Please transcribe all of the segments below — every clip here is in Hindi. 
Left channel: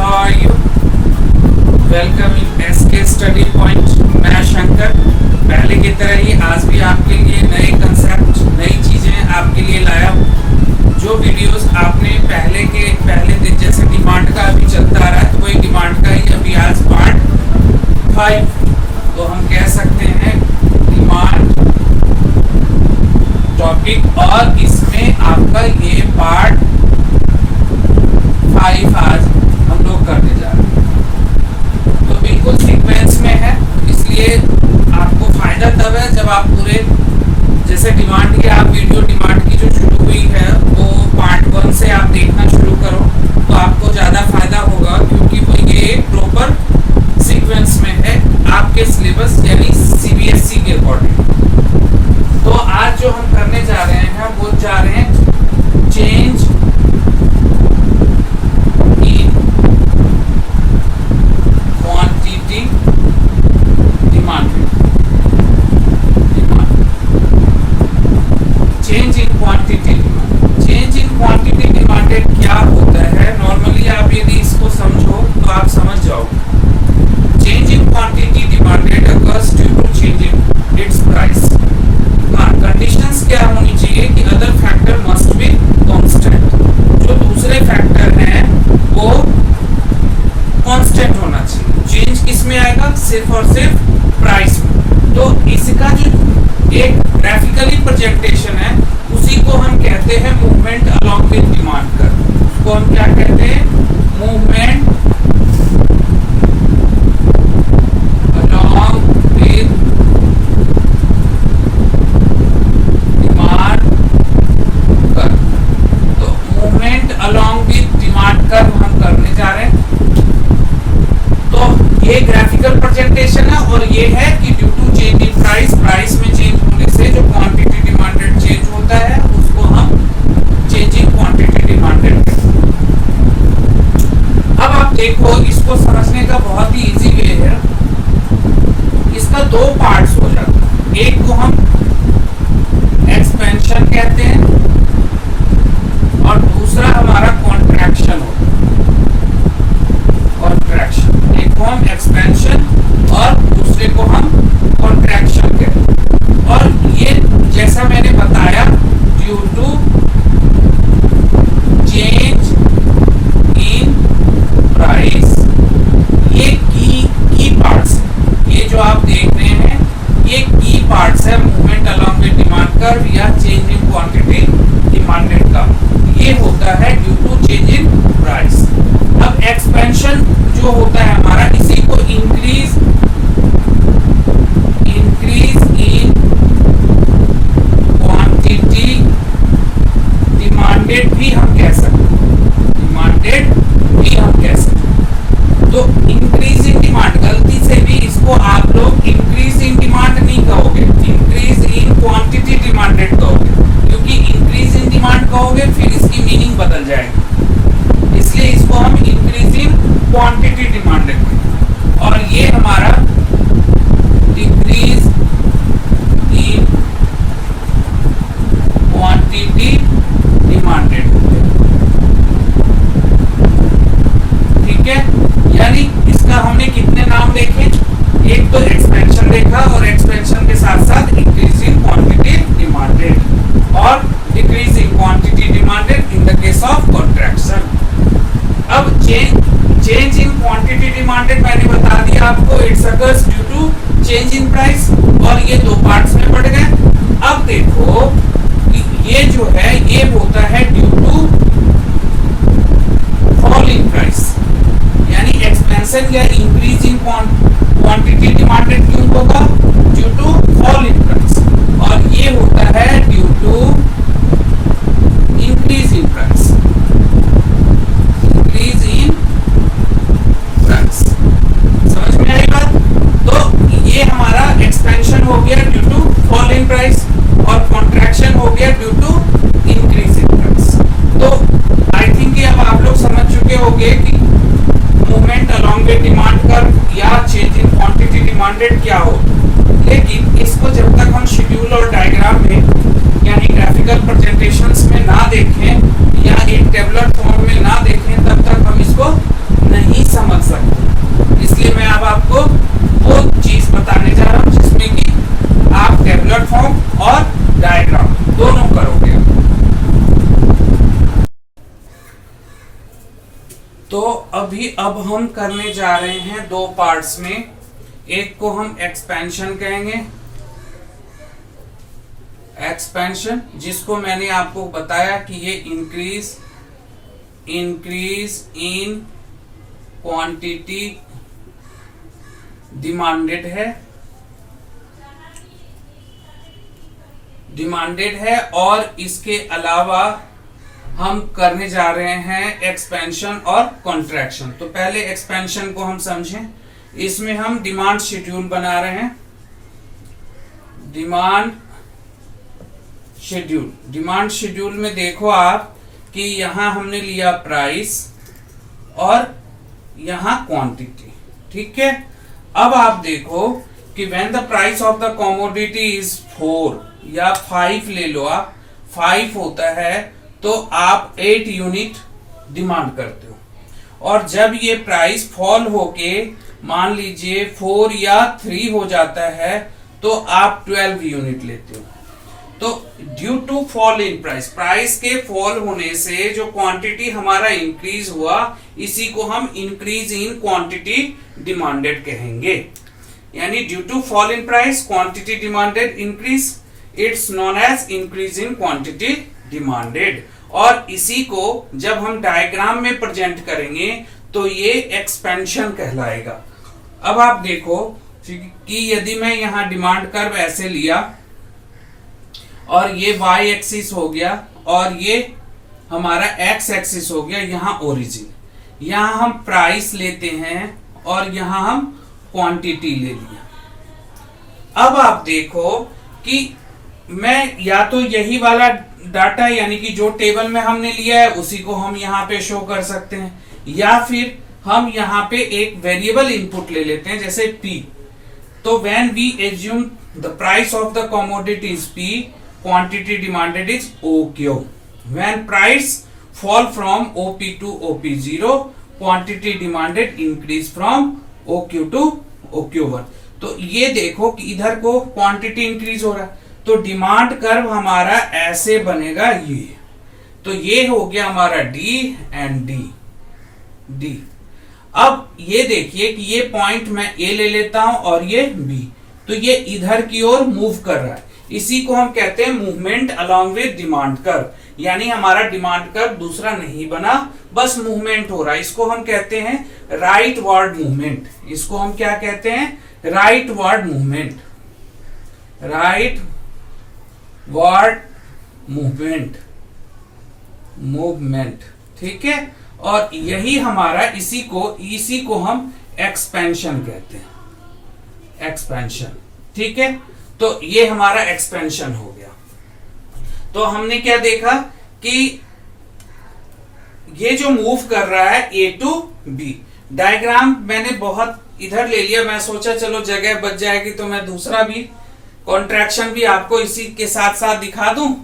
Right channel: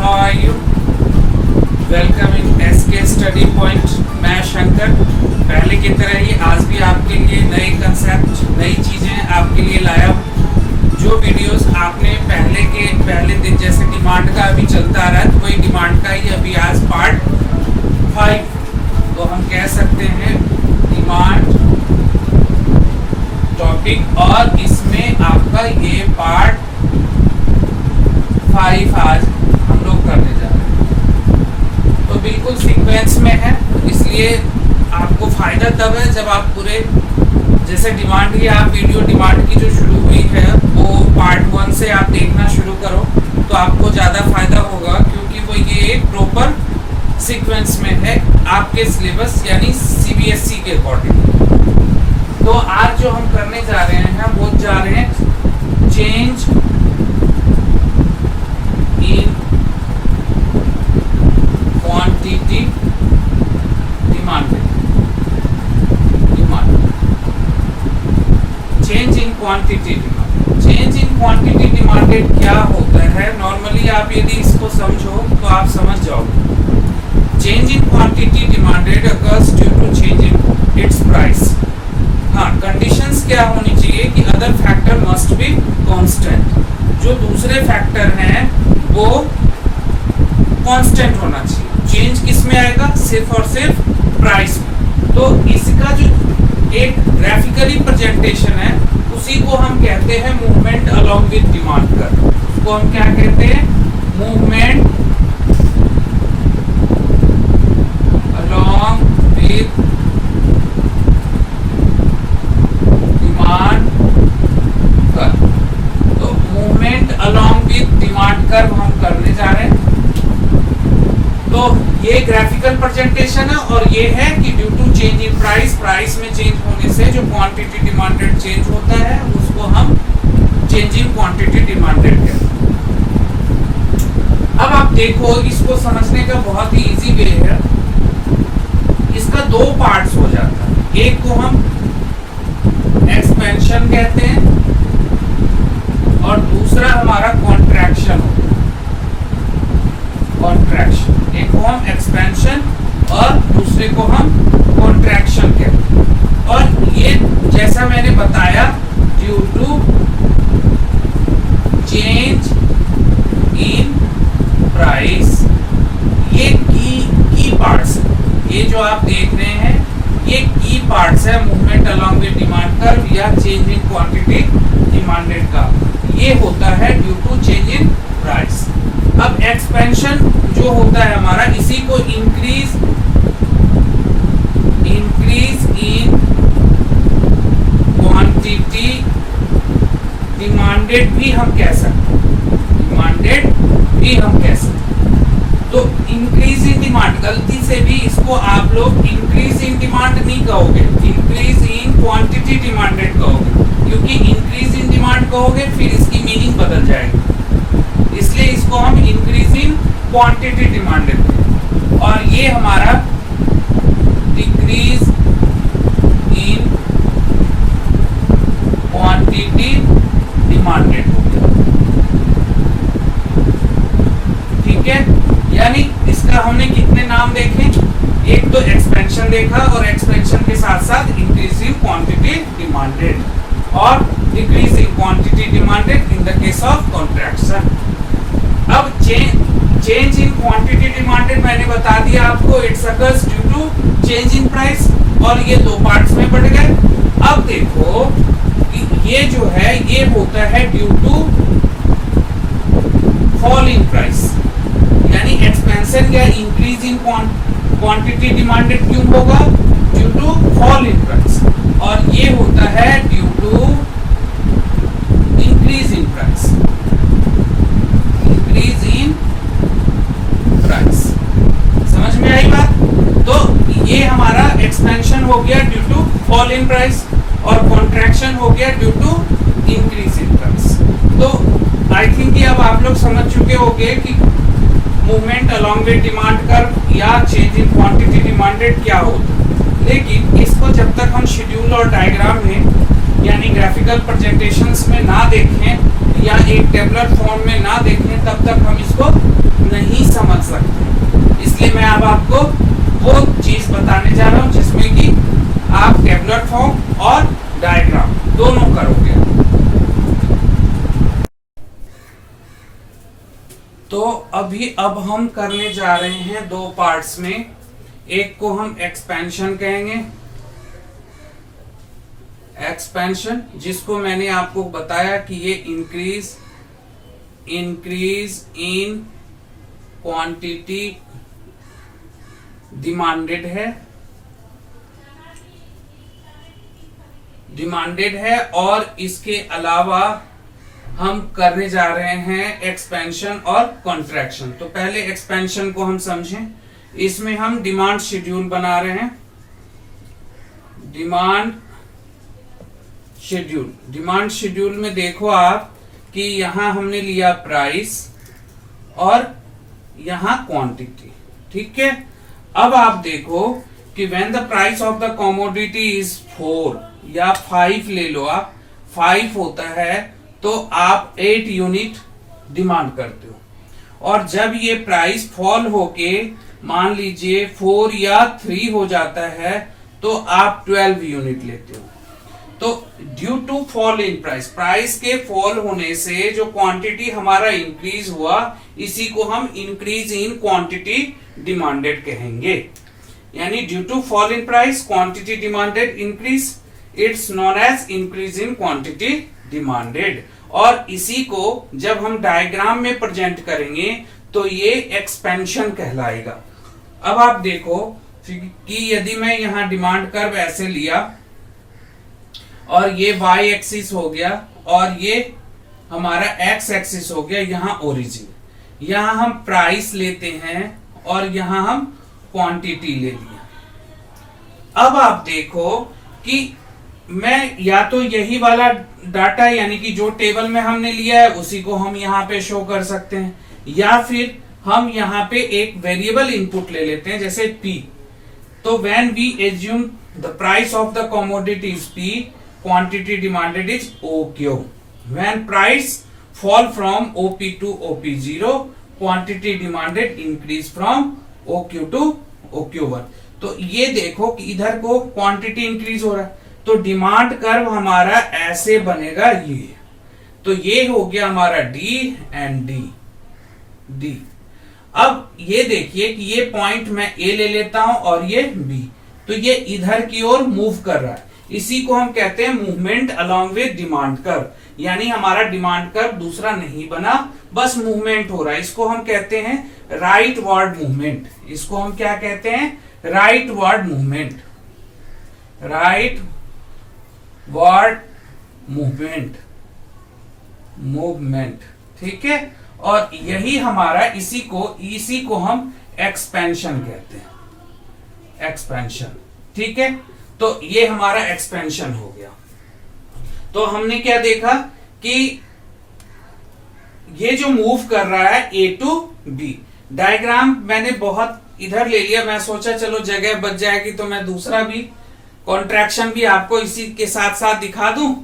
how are you? Welcome in SK Study Point. मैं शंकर पहले की तरह ही आज भी आपके लिए नए कंसेप्ट, नई चीज़ें आपके लिए लाया हूँ। जो वीडियोस आपने पहले दिन जैसे डिमांड का अभी चलता आ रहा है, तो वही डिमांड का ही अभी आज पार्ट 5, तो हम कह सकते हैं डिमांड टॉपिक, और इसमें आपका ये पार्ट 5 आज हम लोग करने जा रहे हैं। तो बिल्कुल सीक्वेंस में है, इसलिए आपको फ़ायदा तब है जब आप पूरे जैसे डिमांड की आप वीडियो डिमांड की जो शुरू हुई है वो पार्ट 1 से आप देखना शुरू करो, तो आपको ज़्यादा फ़ायदा होगा, क्योंकि वो ये एक प्रॉपर सीक्वेंस में है आपके सिलेबस यानी CBSE के अकॉर्डिंग। तो आज जो हम करने जा रहे हैं वो जा रहे हैं change in quantity demanded. Change in quantity demand. Change in quantity demanded क्या होता है? नॉर्मली आप यदि इसको समझो तो आप समझ जाओगे। Change in quantity demanded occurs due to change in its price. हाँ, कंडीशंस क्या होनी चाहिए कि other factor must be constant. जो दूसरे फैक्टर हैं वो कांस्टेंट होना चाहिए। चेंज किस में आएगा? सिर्फ और सिर्फ प्राइस में। तो इसका जो एक ग्राफिकली प्रेजेंटेशन है उसी को हम कहते हैं movement along with demand curve. उसको हम क्या कहते हैं? Movement along with demand curve. तो movement along with demand curve हम करने जा रहे हैं। तो ये ग्राफिकल प्रेजेंटेशन है, और ये है कि due to change in price, price में चेंज होने से जो क्वांटिटी डिमांडेड चेंज होता है उसको हम चेंज इन क्वांटिटी डिमांडेड कहते हैं। अब आप देखो, इसको समझने का बहुत ही इजी वे है। इसका 2 पार्ट्स हो जाता है। एक को हम एक्सपेंशन कहते हैं और दूसरा हमारा कॉन्ट्रैक्शन होता है। कॉन्ट्रैक्शन, एक को हम एक्सपेंशन और दूसरे को हम कॉन्ट्रैक्शन कहते हैं। और ये जैसा मैंने बताया, due to change in price, ये की पार्ट्स, ये जो आप देख रहे हैं ये की पार्ट्स है movement along with demand curve या चेंज इन क्वांटिटी डिमांडेड का। ये होता है due to change in price. अब एक्सपेंशन जो होता है हमारा, इसी को इंक्रीज इन क्वांटिटी डिमांडेड भी हम कह सकते हैं। डिमांडेड भी हम कह सकते हैं। तो इंक्रीज इन डिमांड, गलती से भी इसको आप लोग इंक्रीज इन डिमांड नहीं कहोगे, इंक्रीज इन क्वांटिटी डिमांडेड कहोगे, क्योंकि इंक्रीज इन डिमांड कहोगे फिर इसकी मीनिंग बदल जाएगी। इसलिए इसको हम इंक्रीजिंग क्वांटिटी डिमांडेड, और ये हमारा डिक्रीज इन क्वांटिटी डिमांडेड। ठीक है, यानी इसका हमने कितने नाम देखे? एक तो एक्सपेंशन देखा, और एक्सपेंशन के साथ साथ इंक्रीजिंग क्वांटिटी डिमांडेड और decreasing quantity demanded in the case of contraction. अब चेंज इन क्वांटिटी डिमांडेड मैंने बता दिया आपको, it's occurs due to change in price, और ये 2 पार्ट्स में बढ़ गए। अब देखो, ये जो है ये होता है due to fall in price, यानी एक्सपेंशन या इंक्रीज इन क्वांटिटी डिमांडेड क्यों होगा? Due to fall in price, और ये होता है due to increase in price. Increase in price, समझ में आई बात? तो ये हमारा एक्सपेंशन हो गया due to fall in price, और कॉन्ट्रैक्शन हो गया due to increase in price. तो आई थिंक कि अब आप लोग समझ चुके होंगे कि movement along with demand curve या चेंज इन क्वांटिटी डिमांडेड क्या होता है। लेकिन इसको जब तक हम शेड्यूल और डायग्राम में यानी ग्राफिकल प्रेजेंटेशंस में ना देखें या एक टेबलर फॉर्म में ना देखें, तब तक हम इसको नहीं समझ सकते। इसलिए मैं अब आपको वो चीज बताने जा रहा हूं जिसमें कि आप टेबुलर फॉर्म और डायग्राम दोनों करोगे। तो अब हम करने जा रहे हैं दो पार्ट्स में। एक को हम एक्सपेंशन कहेंगे, एक्सपेंशन, जिसको मैंने आपको बताया कि ये इंक्रीज इन क्वांटिटी डिमांडेड है और इसके अलावा हम करने जा रहे हैं एक्सपेंशन और कॉन्ट्रैक्शन। तो पहले एक्सपेंशन को हम समझें। इसमें हम डिमांड शेड्यूल बना रहे हैं। डिमांड शेड्यूल में देखो आप कि यहां हमने लिया प्राइस और यहां क्वांटिटी, ठीक है। अब आप देखो कि when the price of the commodity is 4 या 5 ले लो आप, 5 होता है तो आप 8 यूनिट डिमांड करते हो, और जब ये प्राइस फॉल होके मान लीजिए 4 या 3 हो जाता है तो आप 12 यूनिट लेते हो। तो due to fall in price के फॉल होने से जो क्वांटिटी हमारा इंक्रीज हुआ, इसी को हम इंक्रीज इन क्वांटिटी डिमांडेड कहेंगे। यानी due to fall in price quantity demanded increase, it's known as increase in quantity demanded. और इसी को जब हम डायग्राम में प्रेजेंट करेंगे तो ये एक्सपेंशन कहलाएगा। अब आप देखो कि यदि मैं यहां डिमांड कर्व ऐसे लिया और ये y एक्सिस हो गया और ये हमारा x एक्सिस हो गया, यहां ओरिजिन, यहां हम प्राइस लेते हैं और यहां हम क्वांटिटी ले लिया। अब आप देखो कि मैं या तो यही वाला डाटा यानी कि जो टेबल में हमने लिया है उसी को हम यहाँ पे शो कर सकते हैं, या फिर हम यहाँ पे एक वेरिएबल इनपुट ले लेते हैं जैसे P। तो when we assume the price of the commodity is P, quantity demanded is OQ। When price fall from OP to OP0, quantity demanded increase from OQ to OQ1। तो ये देखो कि इधर को क्वांटिटी इंक्रीज हो रहा है तो डिमांड कर्व हमारा ऐसे बनेगा ये। तो ये हो गया हमारा D एंड D। अब ये देखिए कि ये पॉइंट मैं A ले लेता हूं और ये B, तो ये इधर की ओर मूव कर रहा है। इसी को हम कहते हैं movement along with demand curve. यानी हमारा डिमांड कर्व दूसरा नहीं बना, बस मूवमेंट हो रहा है। इसको हम कहते हैं राइट वर्ड मूवमेंट। इसको हम क्या कहते हैं? Right word movement. Right word movement, ठीक है। और यही हमारा इसी को हम एक्सपेंशन कहते हैं, एक्सपेंशन, ठीक है। तो ये हमारा एक्सपेंशन हो गया। तो हमने क्या देखा कि ये जो मूव कर रहा है A टू B। डायग्राम मैंने बहुत इधर ले लिया, मैं सोचा चलो जगह बच जाएगी तो मैं दूसरा भी कॉन्ट्रैक्शन भी आपको इसी के साथ साथ दिखा दूं,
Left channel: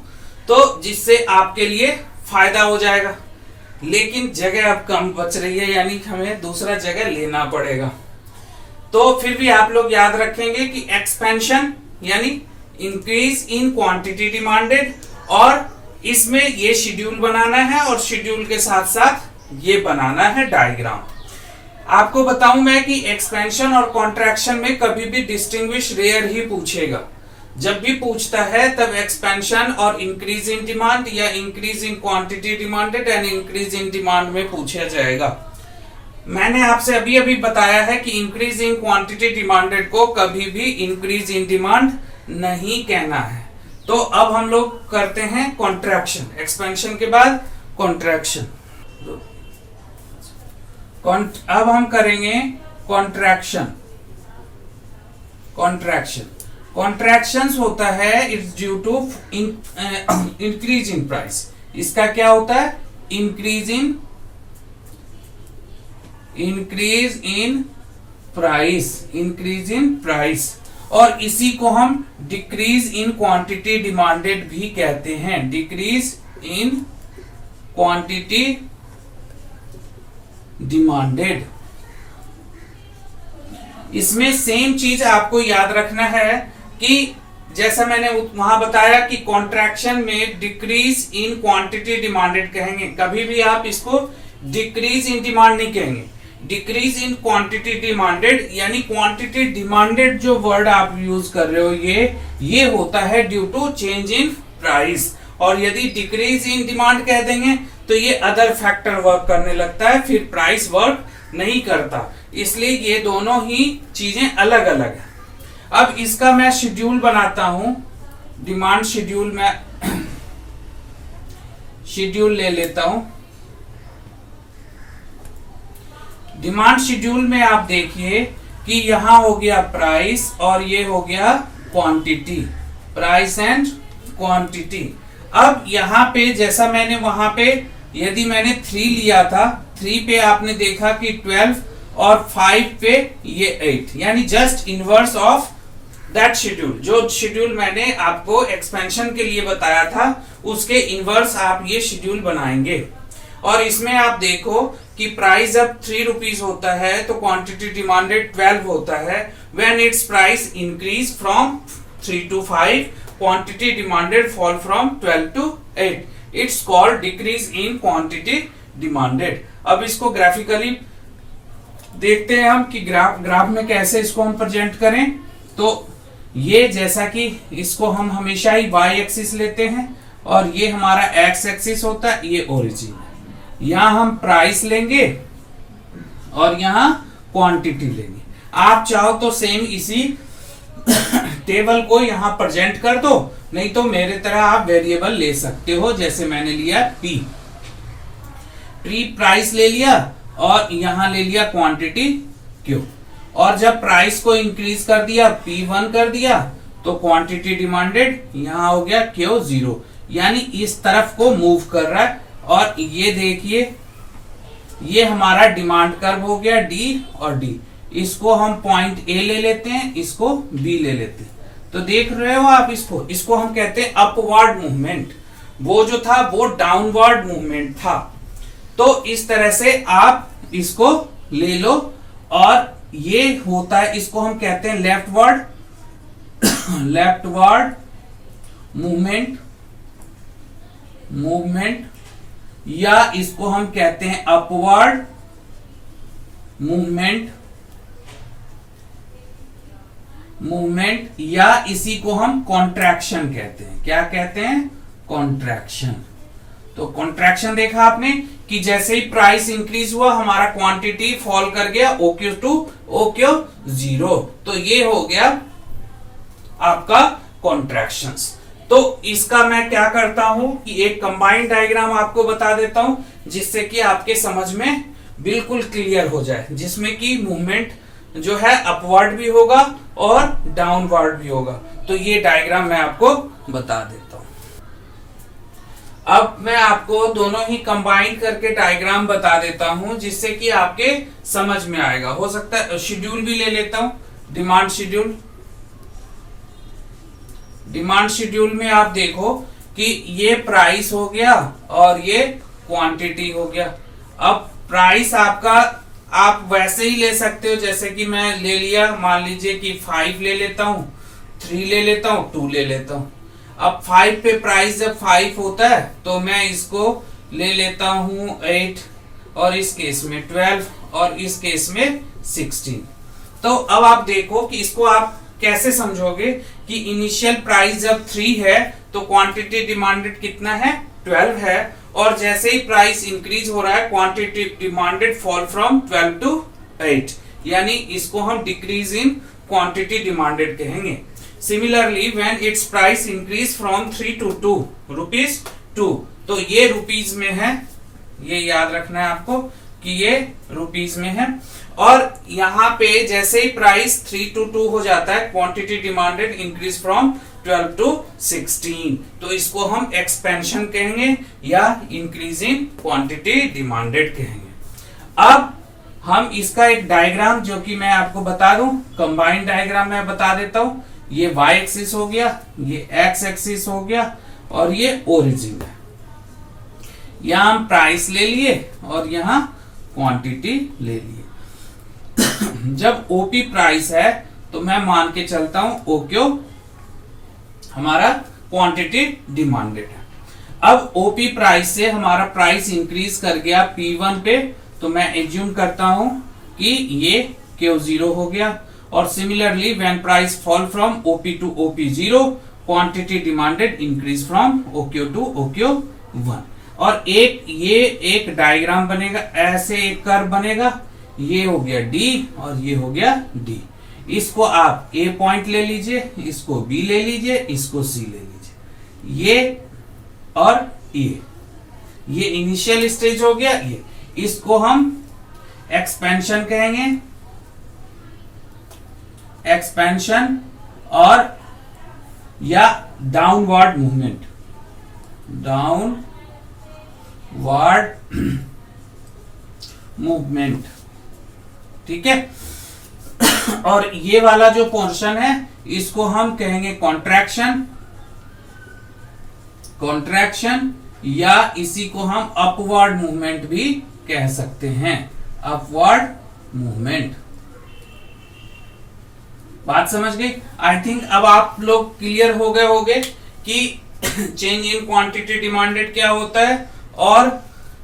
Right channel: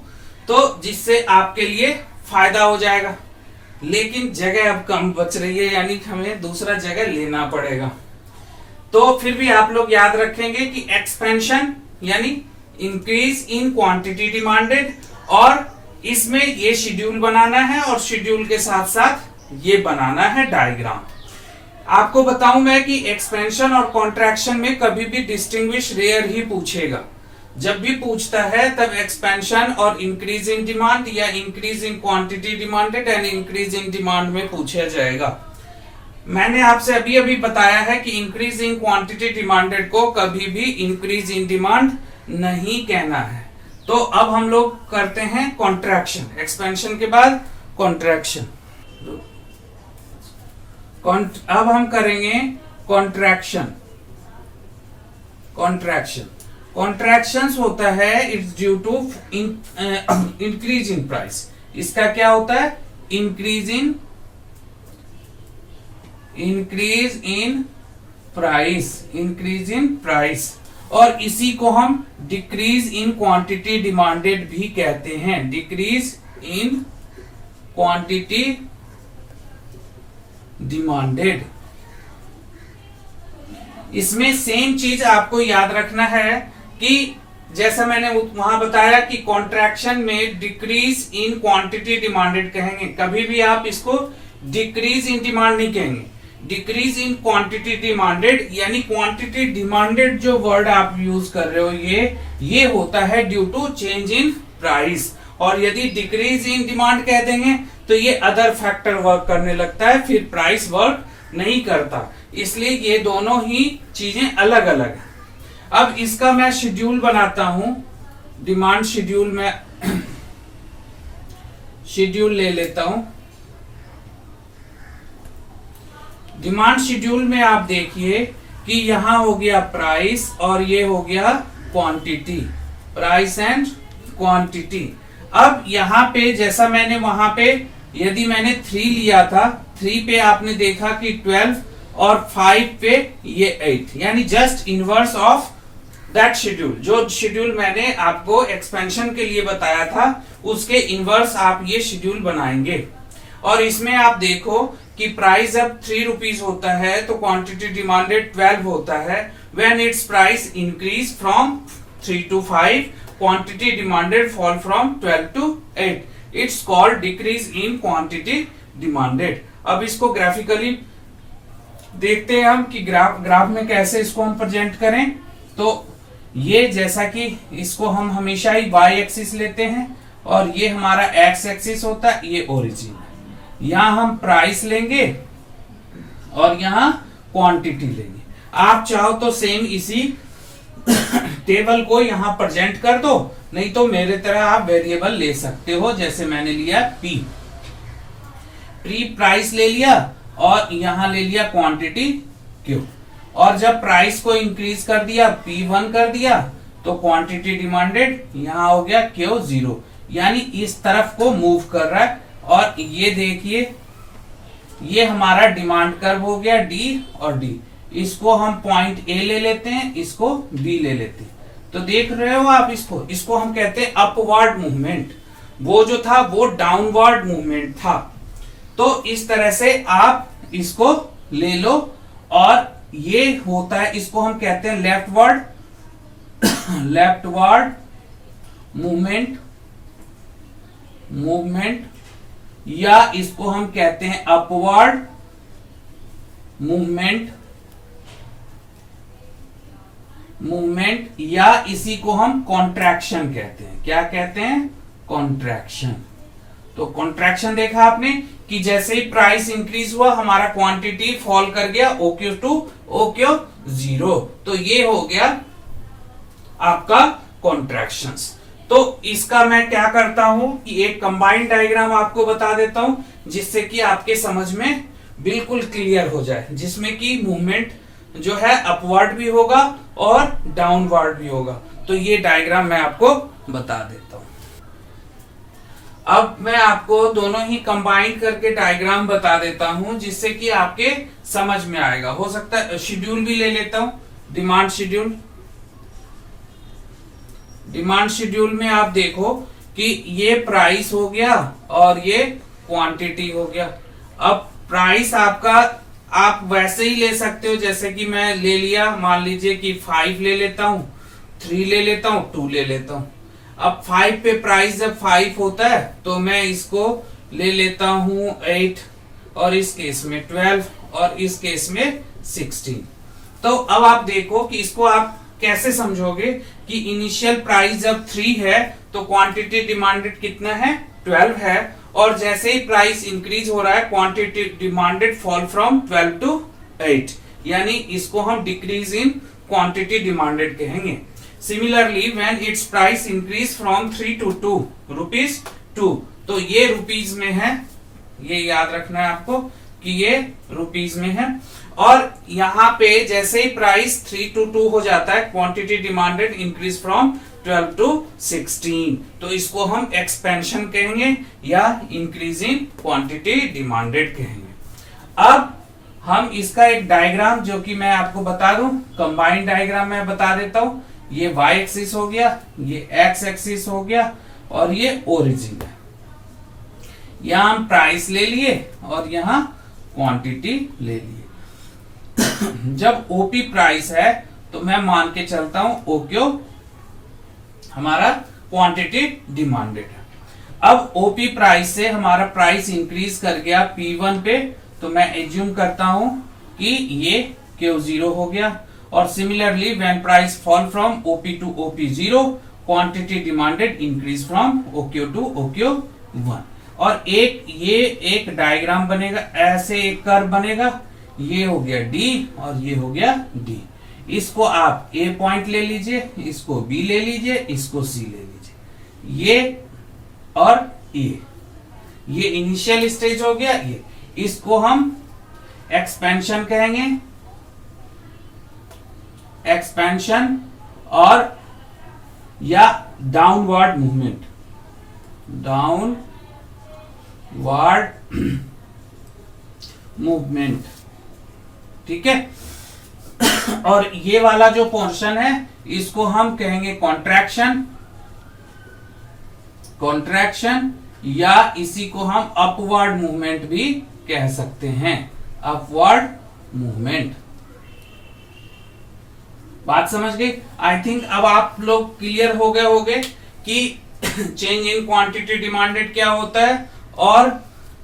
तो जिससे आपके लिए फायदा हो जाएगा। लेकिन जगह अब कम बच रही है, यानी हमें दूसरा जगह लेना पड़ेगा। तो फिर भी आप लोग याद रखेंगे कि एक्सपेंशन यानी इंक्रीज इन क्वांटिटी डिमांडेड, और इसमें ये शेड्यूल बनाना है और शेड्यूल के साथ साथ ये बनाना है डायग्राम। आपको बताऊं मैं कि एक्सपेंशन और कॉन्ट्रैक्शन में कभी भी डिस्टिंग्विश रेयर ही पूछेगा। जब भी पूछता है तब एक्सपेंशन और इंक्रीज इन डिमांड या increase in quantity demanded and increase in demand में पूछा जाएगा। मैंने आपसे अभी अभी बताया है कि इंक्रीज इन क्वांटिटी डिमांडेड को कभी भी इंक्रीज इन डिमांड नहीं कहना है। तो अब हम लोग करते हैं कॉन्ट्रैक्शन, एक्सपेंशन के बाद कॉन्ट्रैक्शन। अब हम करेंगे कॉन्ट्रैक्शन। कॉन्ट्रैक्शंस होता है it's due to increase in price. इसका क्या होता है? Increase in price. और इसी को हम डिक्रीज इन क्वांटिटी डिमांडेड भी कहते हैं। Decrease in quantity demanded. इसमें सेम चीज आपको याद रखना है कि जैसा मैंने वहां बताया कि कॉन्ट्रैक्शन में डिक्रीज इन क्वांटिटी डिमांडेड कहेंगे, कभी भी आप इसको डिक्रीज इन डिमांड नहीं कहेंगे, डिक्रीज इन क्वांटिटी डिमांडेड। यानी क्वांटिटी डिमांडेड जो वर्ड आप यूज कर रहे हो ये होता है due to change in price, और यदि डिक्रीज इन डिमांड कह देंगे तो ये अदर फैक्टर वर्क करने लगता है, फिर प्राइस वर्क नहीं करता। इसलिए ये दोनों ही चीजें अलग अलग है। अब इसका मैं शेड्यूल बनाता हूं, डिमांड शेड्यूल में शेड्यूल ले लेता हूं। डिमांड शेड्यूल में आप देखिए कि यहां हो गया प्राइस और ये हो गया क्वांटिटी, प्राइस एंड क्वांटिटी। अब यहां पे जैसा मैंने वहां पे यदि मैंने 3 लिया था, 3 पे आपने देखा कि 12 और 5 पे ये 8, यानी just inverse of that schedule. जो शेड्यूल मैंने आपको एक्सपेंशन के लिए बताया था उसके इनवर्स आप ये शेड्यूल बनाएंगे। और इसमें आप देखो कि प्राइस जब 3 रुपीज होता है तो क्वांटिटी डिमांडेड 12 होता है। When it's price increase from 3 to 5, quantity demanded fall from 12 to 8. It's called decrease in quantity demanded. अब इसको ग्राफिकली देखते हैं हम कि ग्राफ में कैसे इसको हम प्रेजेंट करें। तो ये जैसा कि इसको हम हमेशा ही y एक्सिस लेते हैं और ये हमारा x एक्सिस होता है, ये ओरिजिन है। यहां हम प्राइस लेंगे और यहां क्वांटिटी लेंगे। आप चाहो तो सेम इसी टेबल को यहां प्रेजेंट कर दो, नहीं तो मेरे तरह आप वेरिएबल ले सकते हो, जैसे मैंने लिया p प्राइस ले लिया और यहां ले लिया क्वांटिटी q, और जब प्राइस को इंक्रीज कर दिया P1 कर दिया तो क्वांटिटी डिमांडेड यहां हो गया Q0, यानी इस तरफ को मूव कर रहा है। और ये देखिए ये हमारा डिमांड कर्व हो गया D और D, इसको हम पॉइंट A ले लेते हैं, इसको B ले लेते हैं। तो देख रहे हो आप इसको हम कहते हैं अपवर्ड मूवमेंट, वो जो था वो डाउनवर्ड मूवमेंट था। तो इस तरह से आप इसको ले लो और ये होता है, इसको हम कहते हैं लेफ्टवर्ड मूवमेंट, या इसको हम कहते हैं अपवर्ड मूवमेंट, या इसी को हम कॉन्ट्रैक्शन कहते हैं। क्या कहते हैं? कॉन्ट्रैक्शन। तो कॉन्ट्रैक्शन देखा आपने कि जैसे ही प्राइस इंक्रीज हुआ हमारा क्वांटिटी फॉल कर गया OQ to OQ0, तो ये हो गया आपका कॉन्ट्रैक्शंस। तो इसका मैं क्या करता हूं कि एक कंबाइंड डायग्राम आपको बता देता हूं जिससे कि आपके समझ में बिल्कुल क्लियर हो जाए, जिसमें कि मूवमेंट जो है अपवर्ड भी होगा और डाउनवर्ड भी होगा। तो ये डायग्राम मैं आपको बता देता हूं। अब मैं आपको दोनों ही कंबाइन करके डायग्राम बता देता हूं जिससे कि आपके समझ में आएगा। हो सकता है शेड्यूल भी ले लेता हूं, डिमांड शेड्यूल में आप देखो कि ये प्राइस हो गया और ये क्वांटिटी हो गया। अब प्राइस आपका आप वैसे ही ले सकते हो, जैसे कि मैं ले लिया, मान लीजिए कि 5 ले लेता हूं, 3 ले लेता हूं, 2 ले लेता हूं। अब 5 पे प्राइस जब 5 होता है तो मैं इसको ले लेता हूं 8, और इस केस में 12, और इस केस में 16। तो अब आप देखो कि इसको आप कैसे समझोगे कि इनिशियल प्राइस जब 3 है तो क्वांटिटी डिमांडेड कितना है? 12 है, और जैसे ही प्राइस इंक्रीज हो रहा है quantity demanded fall from 12 to 8, यानी इसको हम डिक्रीज इन क्वांटिटी डिमांडेड कहेंगे। Similarly when it's price increase from 3 to 2 rupees 2, तो ये रुपीज में है, ये याद रखना है आपको कि ये रुपीज में है। और यहाँ पे जैसे ही प्राइस 3 to 2 हो जाता है quantity demanded increase from 12 to 16, तो इसको हम एक्सपेंशन कहेंगे या इंक्रीज इन क्वांटिटी डिमांडेड कहेंगे। अब हम इसका एक डायग्राम जो कि मैं आपको बता दूं, कंबाइंड डायग्राम मैं बता देता हूं। ये y एक्सिस हो गया, ये x एक्सिस हो गया, और ये ओरिजिन है। यहां हम प्राइस ले लिए और यहां क्वांटिटी ले लिए। जब ओपी प्राइस है तो मैं मान के चलता हूं ओक्यू हमारा क्वांटिटी डिमांडेड है। अब ओपी प्राइस से हमारा प्राइस इंक्रीज कर गया P1 पे, तो मैं एज्यूम करता हूं कि ये Q0 हो गया। और similarly when price fall from OP to OP0 quantity demanded increase from OQ to OQ1। और ये एक डायग्राम बनेगा, ऐसे एक कर्व बनेगा, ये हो गया D और ये हो गया D। इसको आप A पॉइंट ले लीजिए, इसको B ले लीजिए, इसको C ले लीजिए, ये और ये इनिशियल स्टेज हो गया। ये इसको हम एक्सपेंशन कहेंगे, एक्सपेंशन और या डाउनवर्ड मूवमेंट, डाउनवर्ड मूवमेंट, ठीक है। और ये वाला जो पोर्शन है इसको हम कहेंगे कॉन्ट्रैक्शन, कॉन्ट्रैक्शन, या इसी को हम अपवर्ड मूवमेंट भी कह सकते हैं, अपवर्ड मूवमेंट। बात समझ गई? आई थिंक अब आप लोग क्लियर हो गए होंगे कि चेंज इन क्वांटिटी डिमांडेड क्या होता है और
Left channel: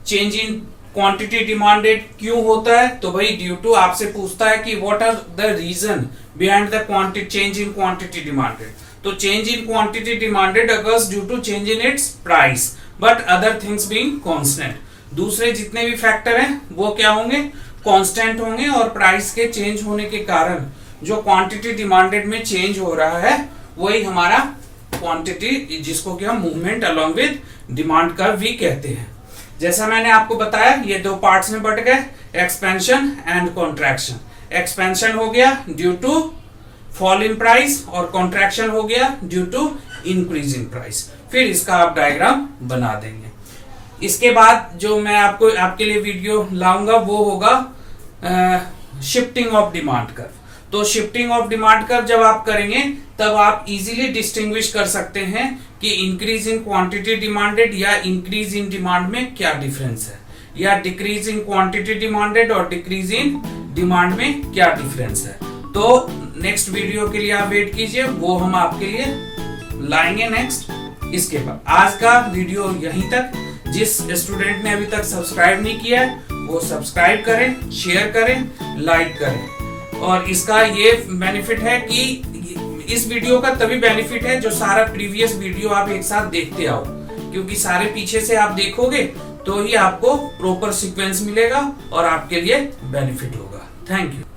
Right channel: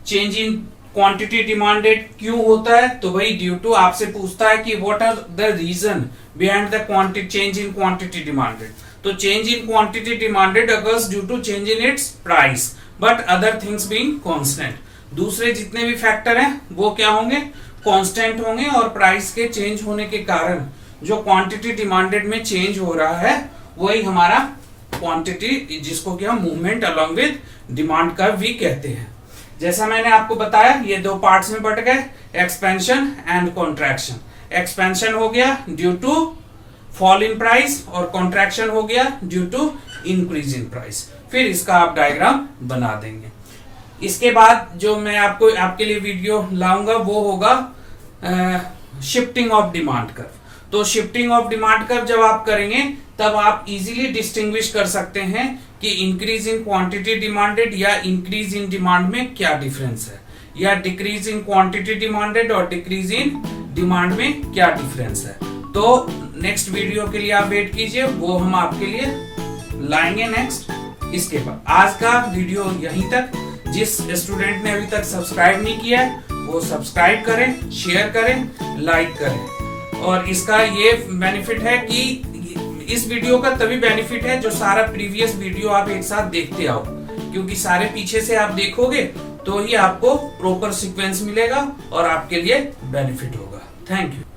चेंज इन क्वांटिटी डिमांडेड क्यों होता है। तो भाई ड्यू टू आपसे पूछता है कि what are the reason behind the quantity change in quantity demanded. तो change in quantity demanded occurs due to change in its price but other things being constant. दूसरे जितने भी फैक्टर हैं वो क्या होंगे, कांस्टेंट होंगे। और प्राइस के चेंज होने के कारण जो क्वांटिटी डिमांडेड में चेंज हो रहा है वही हमारा क्वांटिटी, जिसको कि हम movement along with demand curve भी कहते हैं। जैसा मैंने आपको बताया ये दो पार्ट्स में बट गए, एक्सपेंशन एंड कॉन्ट्रैक्शन। एक्सपेंशन हो गया due to fall in price और कॉन्ट्रैक्शन हो गया due to increase in price. फिर इसका आप डायग्राम बना देंगे। इसके बाद जो मैं आपके लिए वीडियो लाऊंगा वो होगा शिफ्टिंग ऑफ डिमांड कर्व। तो शिफ्टिंग ऑफ डिमांड कर्व जब आप करेंगे तब आप इजीली डिस्टिंग्विश कर सकते हैं कि इंक्रीज इन क्वांटिटी डिमांडेड या इंक्रीज इन डिमांड में क्या डिफरेंस है, या डिक्रीज इन क्वांटिटी डिमांडेड और डिक्रीज इन डिमांड में क्या डिफरेंस है। तो नेक्स्ट वीडियो के लिए आप वेट कीजिए, वो हम आपके लिए लाएंगे नेक्स्ट। इसके बाद आज का वीडियो यहीं तक। जिस स्टूडेंट ने अभी तक सब्सक्राइब नहीं किया है वो सब्सक्राइब करें, शेयर करें, लाइक करें। और इसका ये बेनिफिट है कि इस वीडियो का तभी बेनिफिट है जो सारा प्रीवियस वीडियो आप एक साथ देखते आओ, क्योंकि सारे पीछे से आप देखोगे तो ही आपको प्रॉपर सीक्वेंस मिलेगा और आपके लिए बेनिफिट होगा। Thank you.